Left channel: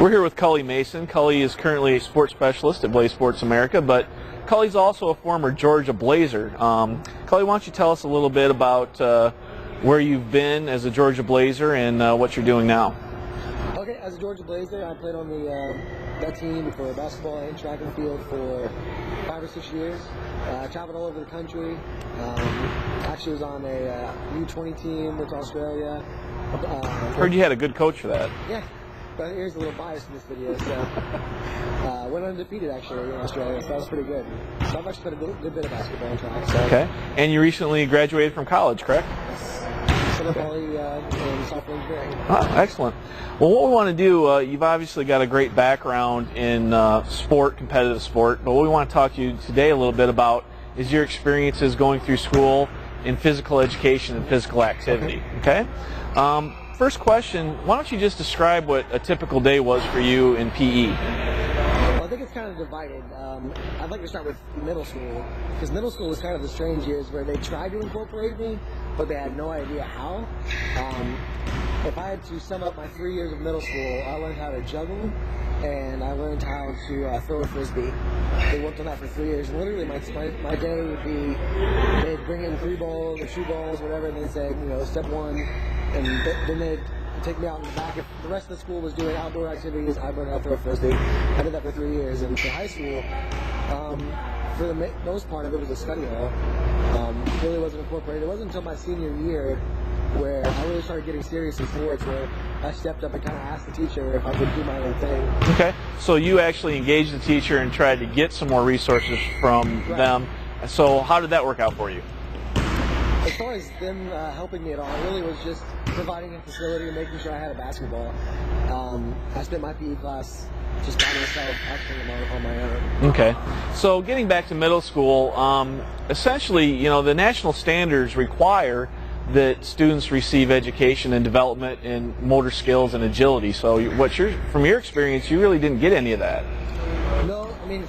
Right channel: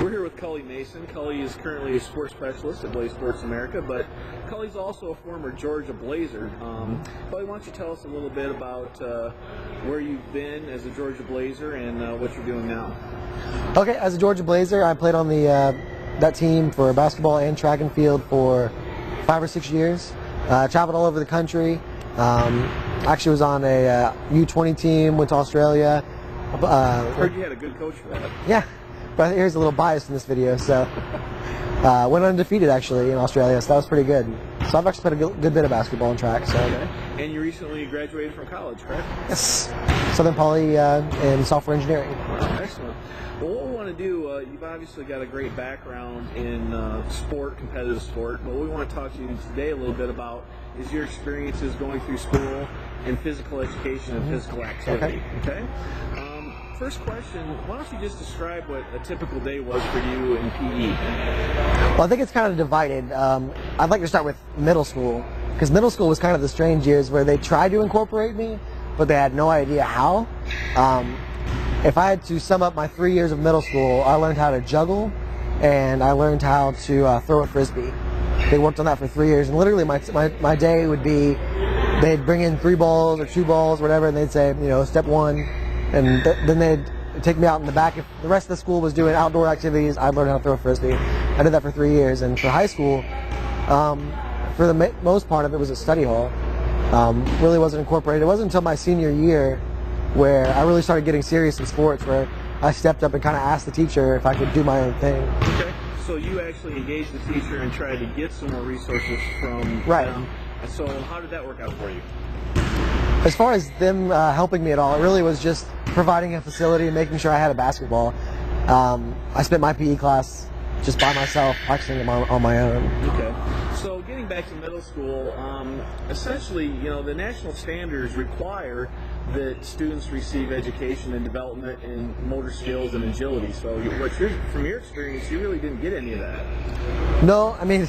We're here with Cully Mason. Cully is currently a sports specialist at Blaze Sports America, but Cully's also a former Georgia Blazer. Cully, why don't you tell us a little bit about where you've been as a Georgia Blazer and what you're doing now? Okay, as a Georgia Blazer, I played on that team for basketball and track and field for 5 or 6 years. Traveled all over the country. Actually was on a U20 team, went to Australia. Heard you had a good coach for that. Yeah, but here's a little bias in this video. So went undefeated actually in Australia, so that was pretty good. So I've actually played a good bit of basketball and track. So. Okay, and you recently graduated from college, correct? Yes, Southern Poly in software engineering. Oh, excellent. Well, what we want to do, you've obviously got a great background in sport, competitive sport, but what we want to talk to you today a little bit about is your experiences going through school in physical education and physical activity. Okay? First question, why don't you just describe what a typical day was for you in PE? Well, I think it's kind of divided. I'd like to start with middle school, because middle school was kind of the strange years where they tried to incorporate me, but they had no idea how. If I had to sum up my 3 years of middle school, I learned how to juggle, and I learned how to throw a Frisbee. They worked on that for 3 years, and literally my day would be, they'd bring in 3 balls or 2 balls, whatever, and they'd say, you know, step 1, and then they'd take me out in the back. If the rest of the school was doing outdoor activities, I'd learn how to throw a Frisbee. I did that for 3 years, and for high school, for the most part of it was a study hall. Really wasn't incorporated. It wasn't until my senior year where I really started getting serious in sports, where I stepped up and kind of asked the teacher if I could do my own thing. Okay, so you actually engaged the teacher and tried to get some more resources from them. So how did that work out for you? As far as them helping me at all, it really was just providing a facility and making sure I had a basketball. I spent my PE class just by myself, practicing on my own. Okay, so getting back to middle school, essentially, you know, the national standards require that students receive education and development in motor skills and agility. So from your experience, you really didn't get any of that. No, I mean,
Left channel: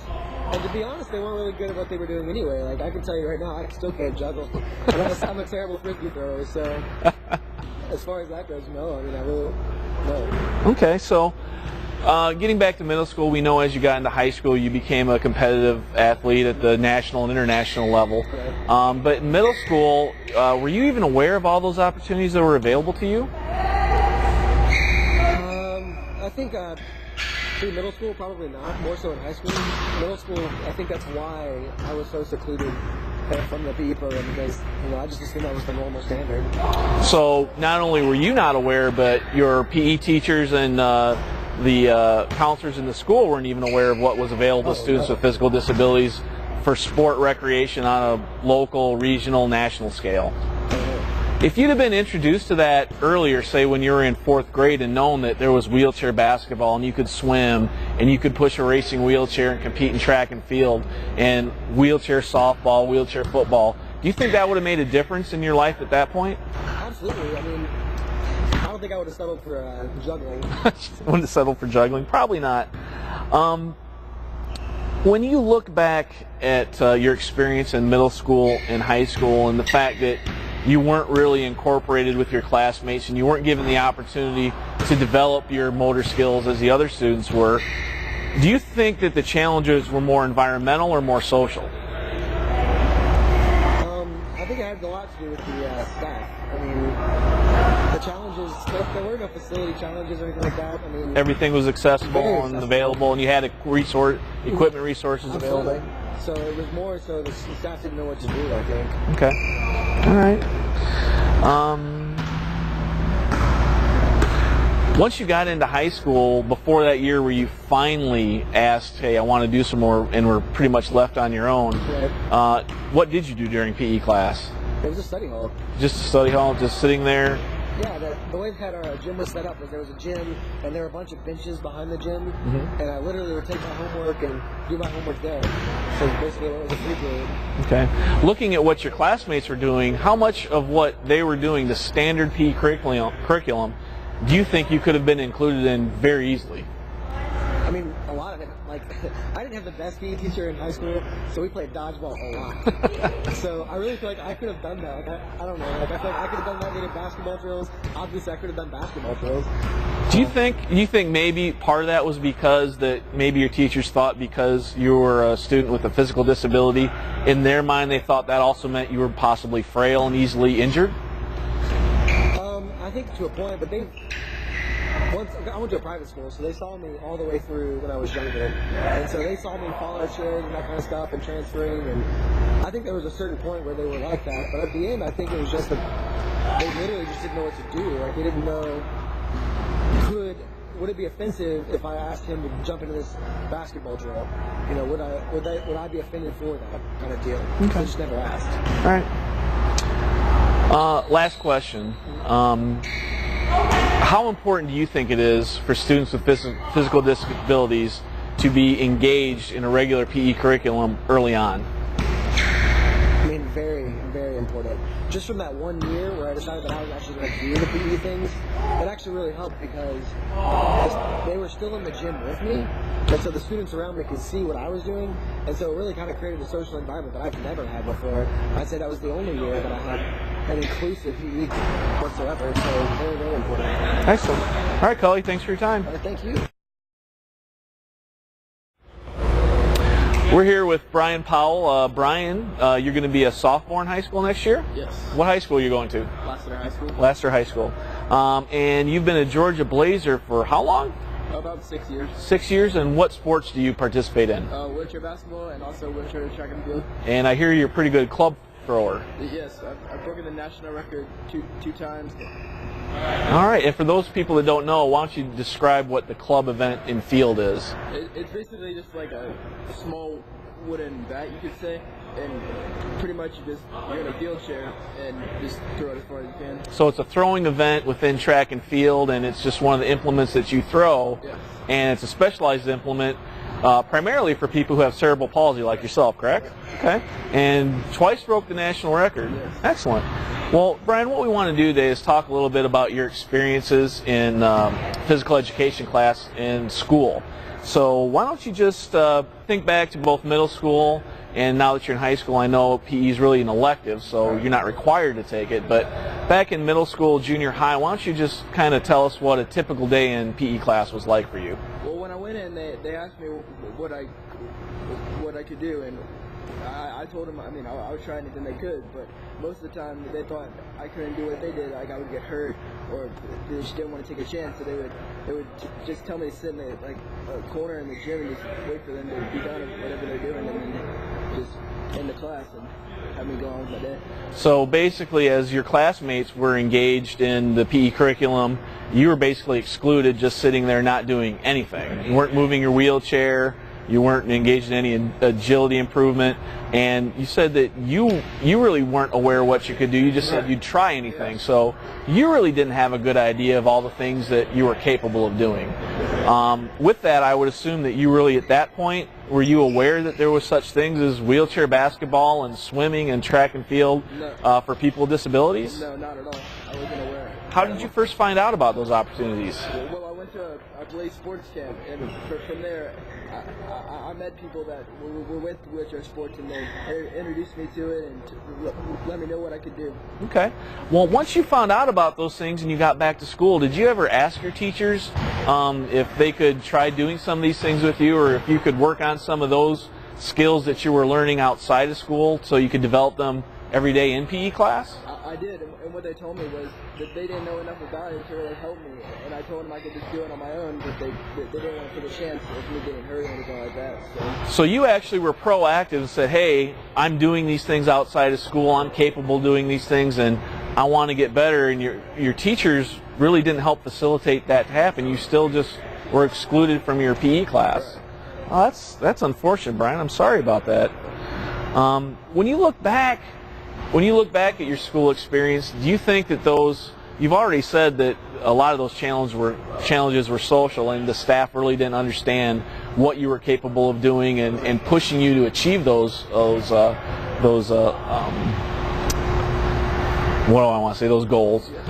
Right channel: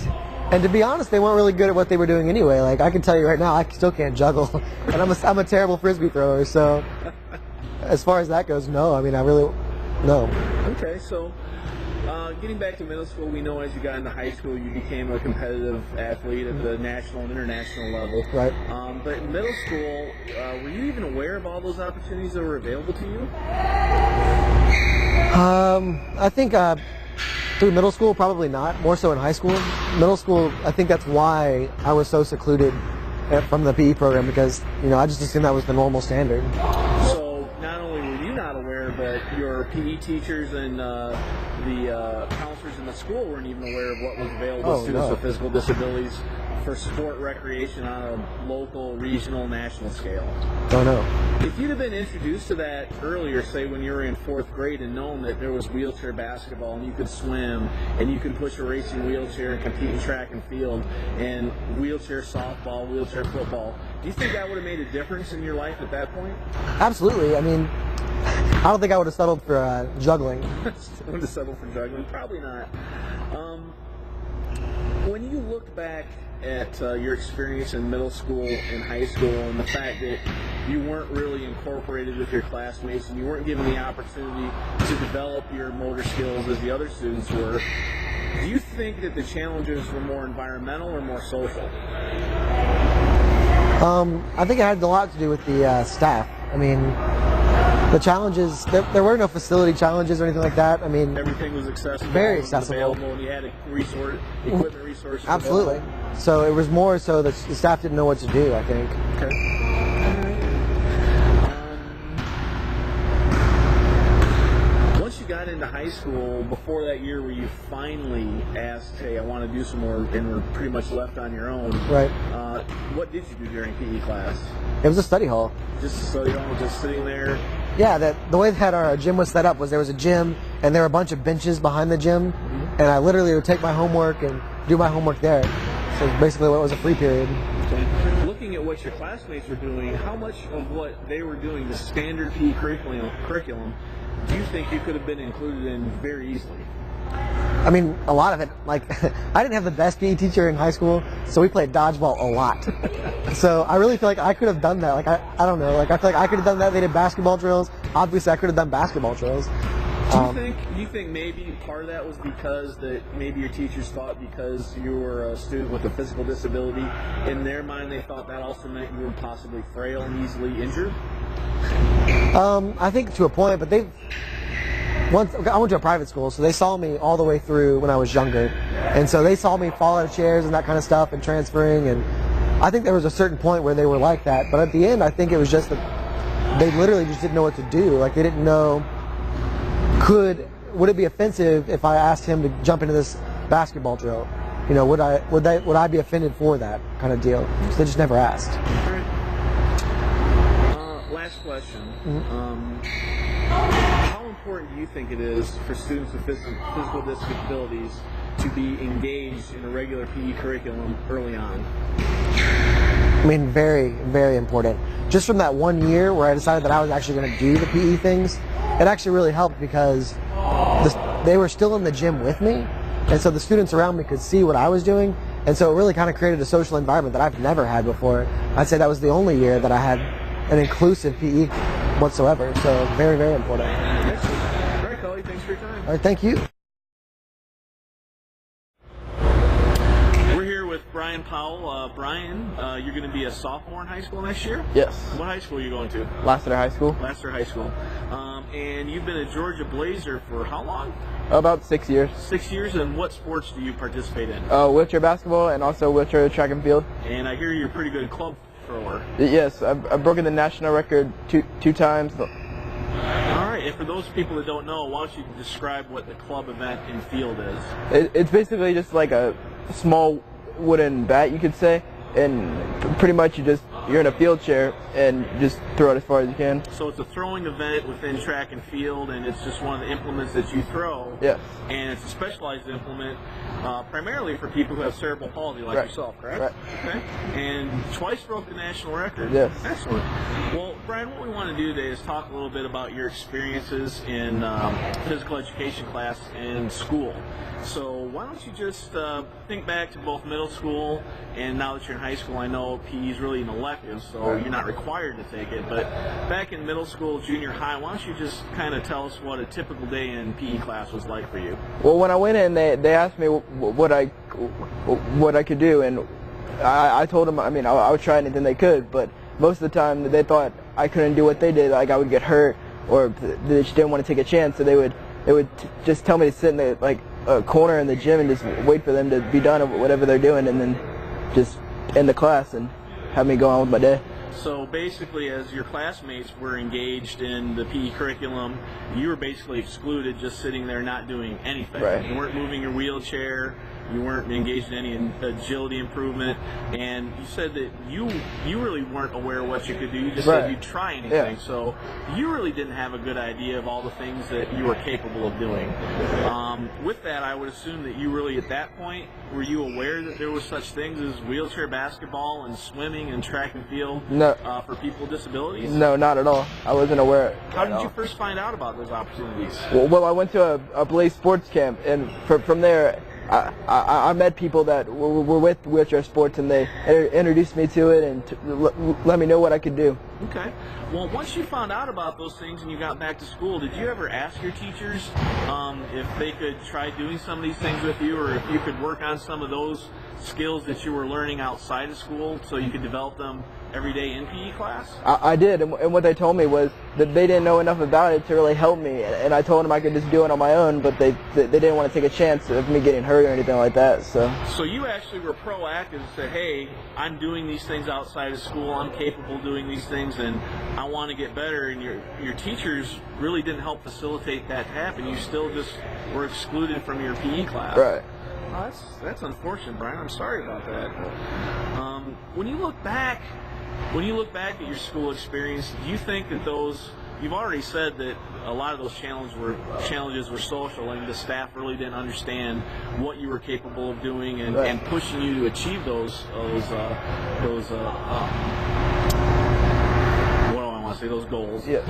and to be honest, they weren't really good at what they were doing anyway. Like, I can tell you right now, I still can't juggle, and I'm a terrible Frisbee thrower, so as far as that goes, no. I mean, no. Okay, so getting back to middle school, we know as you got into high school, you became a competitive athlete at the national and international level. Right. But in middle school, were you even aware of all those opportunities that were available to you? I think through middle school, probably not. More so in high school. Middle school, I think that's why I was so secluded from the PE program, because, you know, I just assumed that was the normal standard. So not only were you not aware, but your PE teachers and the counselors in the school weren't even aware of what was available to students with physical disabilities for sport recreation on a local, regional, national scale. Oh, no. If you'd have been introduced to that earlier, say when you were in 4th grade, and known that there was wheelchair basketball and you could swim and you could push a racing wheelchair and compete in track and field and wheelchair softball, wheelchair football, do you think that would have made a difference in your life at that point? Absolutely. I mean, I don't think I would have settled for juggling. Wouldn't have settled for juggling? Probably not. When you look back at your experience in middle school and high school, and the fact that you weren't really incorporated with your classmates and you weren't given the opportunity to develop your motor skills as the other students were, do you think that the challenges were more environmental or more social? I think it had a lot to do with the staff. I mean, the challenges, there were no facility challenges or anything like that. I mean, everything was accessible and available, and you had equipment resources Absolutely. available. So it was more so that the staff didn't know what to do, I think. Okay. All right. Once you got into high school, before that year where you finally asked, hey, I want to do some more, and were pretty much left on your own, right? What did you do during PE class? It was a study hall. Just a study hall, just sitting there? Yeah, the way that our gym was set up was there was a gym, and there were a bunch of benches behind the gym, and I literally would take my homework and do my homework there. So basically it was a free period. Okay. Looking at what your classmates were doing, how much of what they were doing, the standard PE curriculum, do you think you could have been included in very easily? I mean, a lot of it. Like, I didn't have the best PE teacher in high school, so we played dodgeball a lot. So I really feel like I could have done that. Like, I don't know. Like, I feel like I could have done that. They did basketball drills. Obviously, I could have done basketball drills. Do you think maybe part of that was because that maybe your teachers thought because you were a student with a physical disability, in their mind they thought that also meant you were possibly frail and easily injured? I think to a point, but I went to a private school, so they saw me all the way through when I was younger, and so they saw me fall out of chairs and that kind of stuff and transferring, and I think there was a certain point where they were like that, but at the end I think it was just that they literally just didn't know what to do. Like, they didn't know, would it be offensive if I asked him to jump into this basketball drill? You know, would I be offended for that kind of deal? Because they just never asked. All right. Last question. How important do you think it is for students with physical disabilities to be engaged in a regular PE curriculum early on? I mean, very, very important. Just from that 1 year where I decided that I was actually going to do the PE things, it actually really helped because they were still in the gym with me, and so the students around me could see what I was doing, and so it really kind of created a social environment that I've never had before. I'd say that was the only year that I had an inclusive PE whatsoever, so very, very important. Excellent. All right, Cully, thanks for your time. All right, thank you. We're here with Brian Powell. Brian, you're going to be a sophomore in high school next year? Yes. What high school are you going to? Lassiter High School. Lassiter High School. And you've been a Georgia Blazer for how long? About 6 years. 6 years, and what sports do you participate in? Wheelchair basketball and also wheelchair track and field. And I hear you're a pretty good club thrower. Yes, I've broken the national record two times. All right, and for those people that don't know, why don't you describe what the club event in field is? It's basically just like a small wooden bat, you could say, and pretty much you're in a field chair and just throw it as far as you can. So it's a throwing event within track and field, and it's just one of the implements that you throw. Yes. And it's a specialized implement, primarily for people who have cerebral palsy like yourself, correct? Right. Okay. And twice broke the national record. Yes. Excellent. Well, Brian, what we want to do today is talk a little bit about your experiences in physical education class in school. So why don't you just think back to both middle school and now that you're in high school. I know PE is really an elective, so you're not required to take it, but back in middle school, junior high, why don't you just kind of tell us what a typical day in PE class was like for you? Well, when I went in, they asked me what I could do, and I told them, I mean, I would try anything they could, but most of the time they thought I couldn't do what they did, like I would get hurt, or they just didn't want to take a chance, so they would just tell me to sit in the a corner in the gym and just wait for them to be done of whatever they're doing, and then just end the class and have me go on with my day. So basically, as your classmates were engaged in the PE curriculum, you were basically excluded, just sitting there not doing anything. Right. You weren't moving your wheelchair. You weren't engaged in any agility improvement, and you said that you really weren't aware of what you could do. You just said you'd try anything. Yeah. So you really didn't have a good idea of all the things that you were capable of doing. With that, I would assume that you really, at that point, were you aware that there was such things as wheelchair basketball and swimming and track and field for people with disabilities? No, not at all. I wasn't aware. How did you first find out about those opportunities? Well, I went to a Blaze sports camp, and from there, I met people that were with wheelchair sports, and they introduced me to it and let me know what I could do. Okay. Well, once you found out about those things and you got back to school, did you ever ask your teachers if they could try doing some of these things with you, or if you could work on some of those skills that you were learning outside of school so you could develop them every day in PE class? I did, and what they told me was that they didn't know enough about it to really help me, and I told them I could just do it on my own, but they didn't want to take a chance of me getting hurt or anything like that. So you actually were proactive and said, hey, I'm doing these things outside of school, I'm capable of doing these things, and I want to get better, and your teachers really didn't help facilitate that to happen. You still just were excluded from your PE class. Right. Oh, that's unfortunate, Brian. I'm sorry about that. When you look back at your school experience, do you think that you've already said that a lot of those challenges were social, and the staff really didn't understand what you were capable of doing and pushing you to achieve those what do I want to say, those goals. Yeah.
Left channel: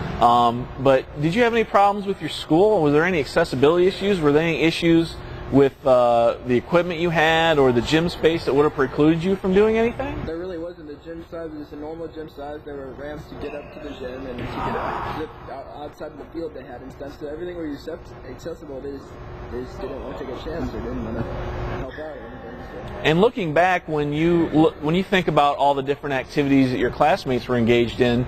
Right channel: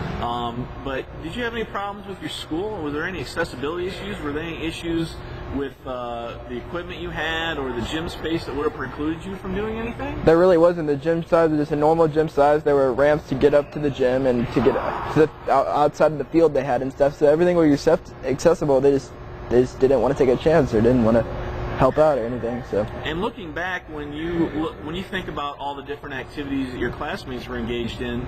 But did you have any problems with your school? Was there any accessibility issues? Were there any issues with the equipment you had or the gym space that would have precluded you from doing anything? There really wasn't. The gym size was just a normal gym size. There were ramps to get up to the gym and to get outside of the field they had and stuff. So everything was accessible. They just didn't want to take a chance or didn't want to help out or anything. So. And looking back, when you think about all the different activities that your classmates were engaged in,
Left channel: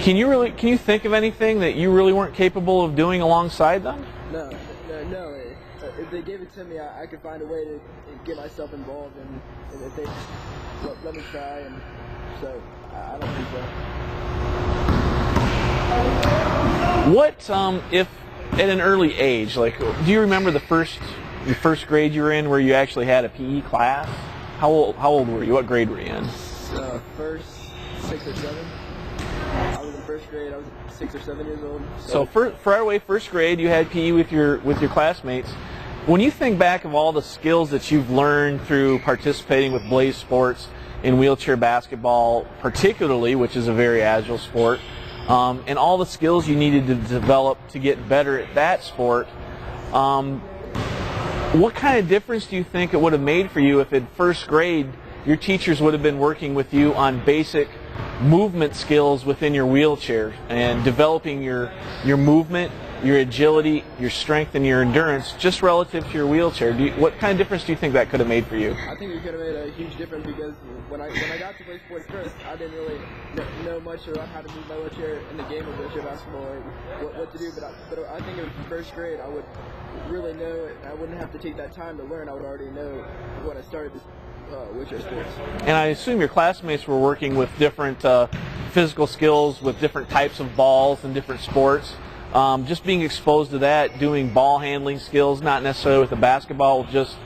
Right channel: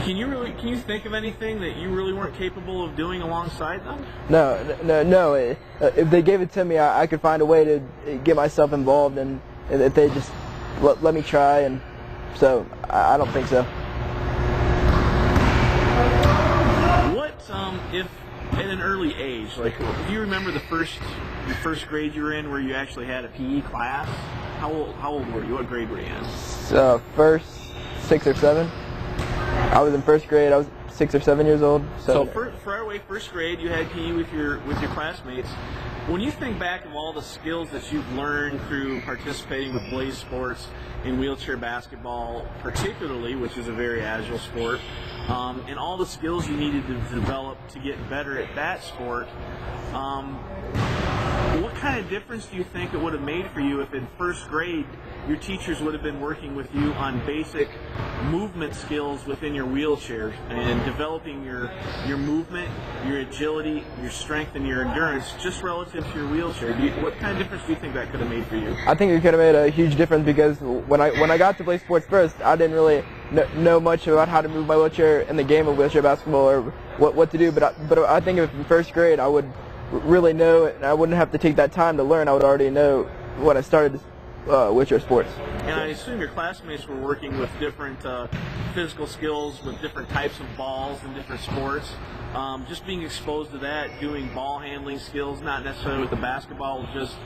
can you think of anything that you really weren't capable of doing alongside them? No. If they gave it to me, I could find a way to get myself involved, and if they just let me try, and so I don't think so. What if at an early age, like, do you remember the first grade you were in where you actually had a PE class? How old were you? What grade were you in? First 6 or 7. I was in first grade. I was 6 or 7 years old. So right away, first grade, you had PE with your classmates. When you think back of all the skills that you've learned through participating with Blaze Sports in wheelchair basketball, particularly, which is a very agile sport, and all the skills you needed to develop to get better at that sport, what kind of difference do you think it would have made for you if in first grade your teachers would have been working with you on basic movement skills within your wheelchair and developing your movement, your agility, your strength, and your endurance just relative to your wheelchair? What kind of difference do you think that could have made for you? I think it could have made a huge difference because when I got to play sports first, I didn't really know much about how to move my wheelchair in the game of wheelchair basketball or what to do. But I think if in first grade I would really know it, and I wouldn't have to take that time to learn. I would already know when I started wheelchair sports. And I assume your classmates were working with different physical skills with different types of balls and different sports. Just being exposed to that, doing ball handling skills, not necessarily with the basketball, just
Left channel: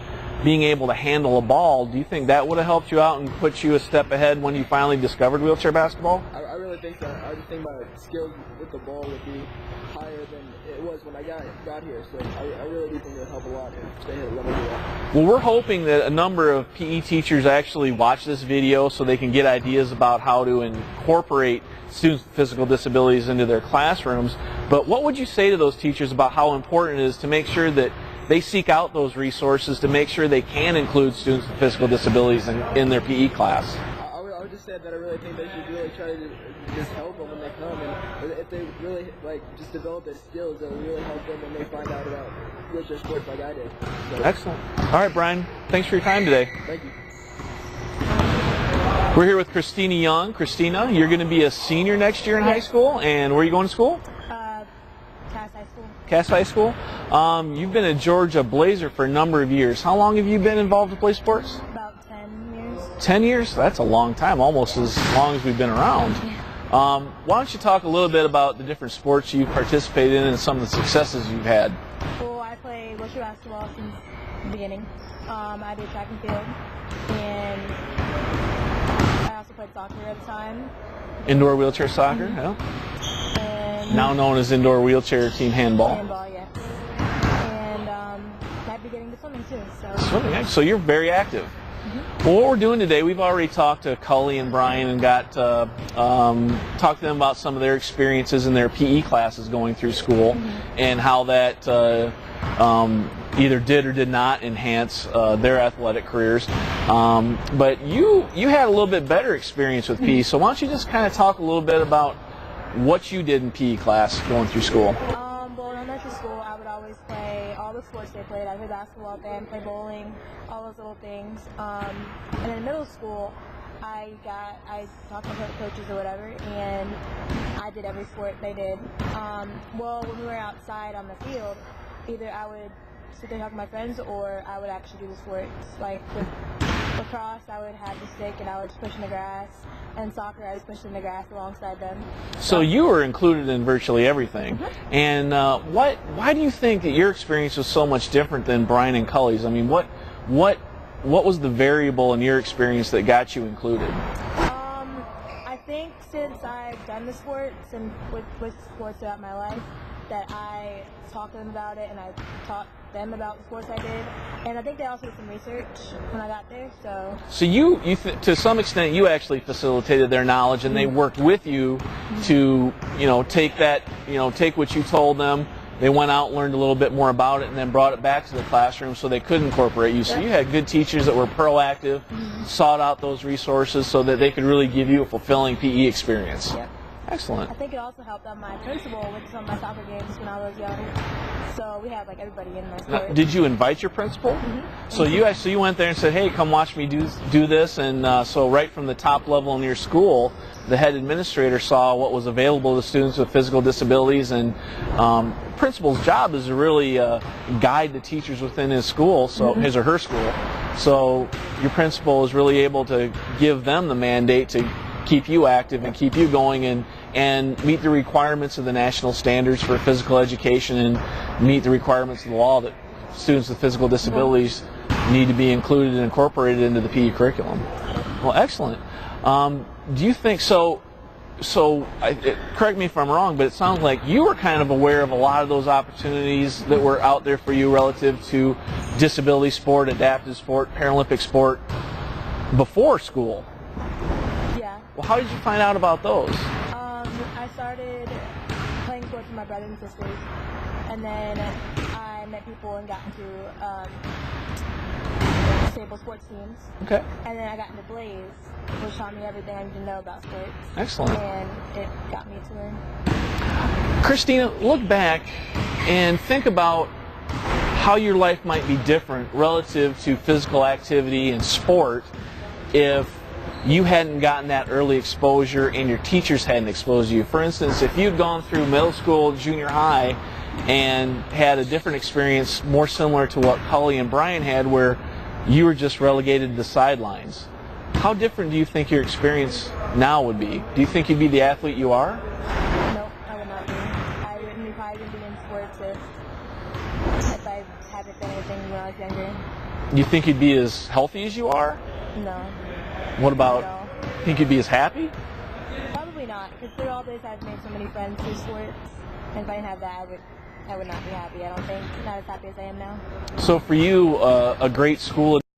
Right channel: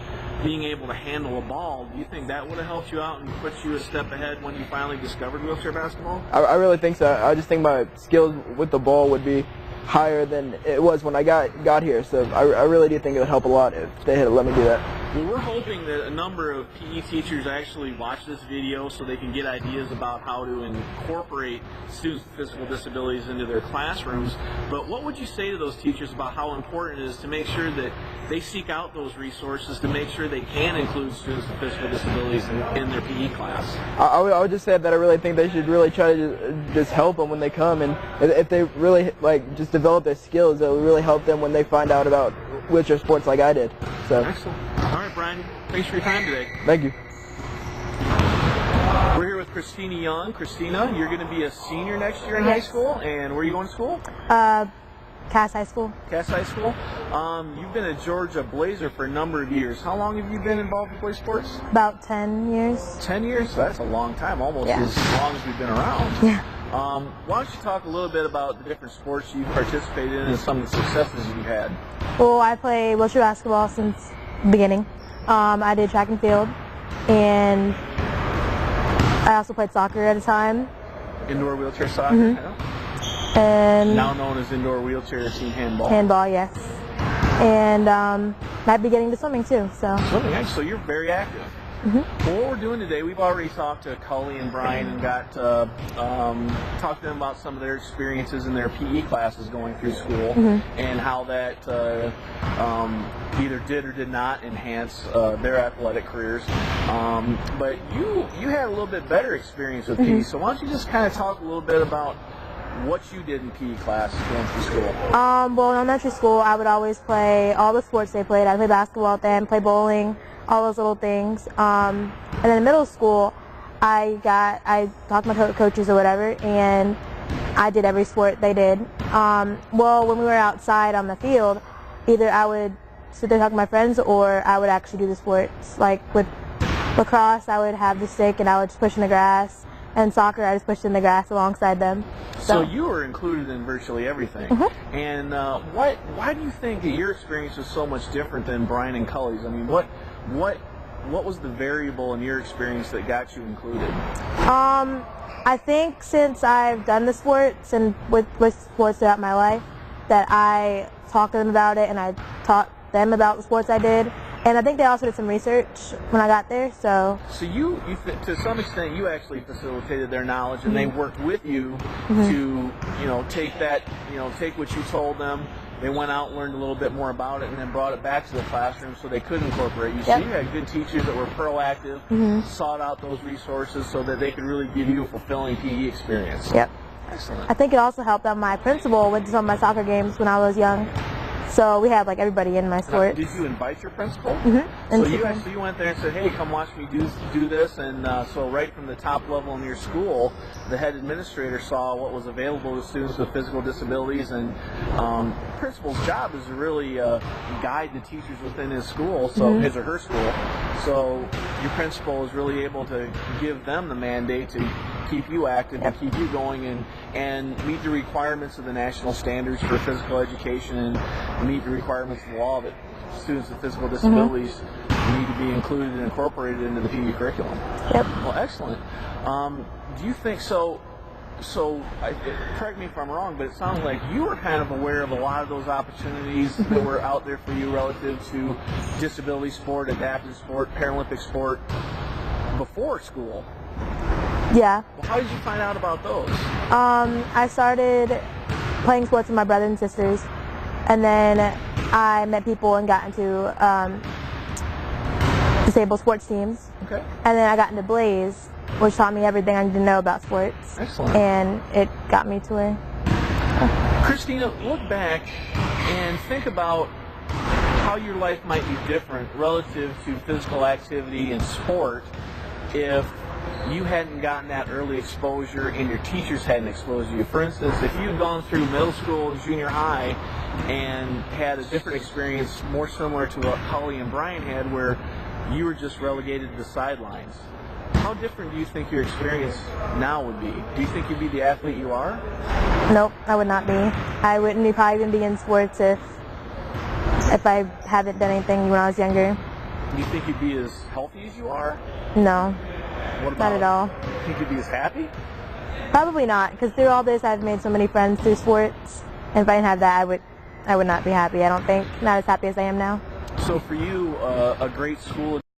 being able to handle a ball, do you think that would have helped you out and put you a step ahead when you finally discovered wheelchair basketball? I really think so. I just think my skills with the ball would be higher than it was when I got here. So I really do think it would help a lot if they had let me do that. Well, we're hoping that a number of PE teachers actually watch this video so they can get ideas about how to incorporate students with physical disabilities into their classrooms. But what would you say to those teachers about how important it is to make sure that they seek out those resources to make sure they can include students with physical disabilities in their PE class? I would just say that I really think they should really try to just help them when they come, and if they really just develop their skills, it will really help them when they find out about wheelchair sports like I did. So excellent. All right, Brian, thanks for your time today. Thank you. We're here with Christina Young. Christina, you're going to be a senior next year in high school, and where are you going to school? Cass High School. Cass High School. You've been a Georgia Blazer for a number of years. How long have you been involved with Blaze Sports? About 10 years. 10 years? That's a long time, almost as long as we've been around. Yeah. Why don't you talk a little bit about the different sports you've participated in and some of the successes you've had? Well, I play wheelchair basketball since the beginning. I did track and field, and I also played soccer at a time. Indoor wheelchair soccer? Mm-hmm. Yeah. And now known as indoor wheelchair team handball. Handball, yes. And I'd be getting to swimming too. So swimming, so you're very active. Mm-hmm. Well, what we're doing today, we've already talked to Cully and Brian and got talked to them about some of their experiences in their PE classes going through school, and how that either did or did not enhance their athletic careers. But you had a little bit better experience with PE, so why don't you just kind of talk a little bit about what you did in PE class going through school? Well, in elementary school, I would always play all the sports they played. I'd play basketball with them, play bowling, all those little things. And then in middle school, I talked to my coaches or whatever, and I did every sport they did. Well, when we were outside on the field, either I would sit there talking to my friends, or I would actually do the sports. Like with lacrosse, I would have the stick and I would just push in the grass. And soccer, I just pushed in the grass alongside them. So you were included in virtually everything. And why do you think that your experience was so much different than Brian and Cully's? I mean, what was the variable in your experience that got you included? I think since I've done the sports and with sports throughout my life, that I talked to them about it and I taught them about the sports I did. And I think they also did some research when I got there. So you to some extent, you actually facilitated their knowledge, and they worked with you to take that, take what you told them they went out, learned a little bit more about it, and then brought it back to the classroom so they could incorporate you. So Yep. you had good teachers that were proactive, sought out those resources so that they could really give you a fulfilling PE experience. Yep. Excellent. I think it also helped that my principal went to some of my soccer games when I was young. So we had like everybody in my Now, sport. did you invite your principal? Mm-hmm. So you went there and said, "Hey, come watch me do this," and so right from the top level in your school, the head administrator saw what was available to students with physical disabilities, and principal's job is to really guide the teachers within his school, so his or her school. So your principal is really able to give them the mandate to keep you active and keep you going and meet the requirements of the national standards for physical education and meet the requirements of the law that students with physical disabilities need to be included and incorporated into the PE curriculum. Yep. Well, excellent. Do you think so? Correct me if I'm wrong, but it sounds like you were kind of aware of a lot of those opportunities that were out there for you relative to disability sport, adaptive sport, Paralympic sport before school. Yeah. Well, how did you find out about those? I started playing sports with my brothers and sisters, and then I met people and got into disabled sports teams. Okay. And then I got into Blaze, which taught me everything I need to know about sports. Excellent. And it got me to where. Christina, look back and think about how your life might be different relative to physical activity and sport if you hadn't gotten that early exposure and your teachers hadn't exposed you. For instance, if you'd gone through middle school and junior high and had a different experience more similar to what Cully and Brian had, where you were just relegated to the sidelines, how different do you think your experience now would be? Do you think you'd be the athlete you are? Nope, I would not be. I probably wouldn't be in sports if I haven't done anything when I was younger. Do you think you'd be as healthy as you are? No. What about? Not at all. Think you'd be as happy? Probably not, because through all this I've made so many friends through sports, and if I didn't have that, I would not be happy. I don't think, not as happy as I am now. So for you, a great school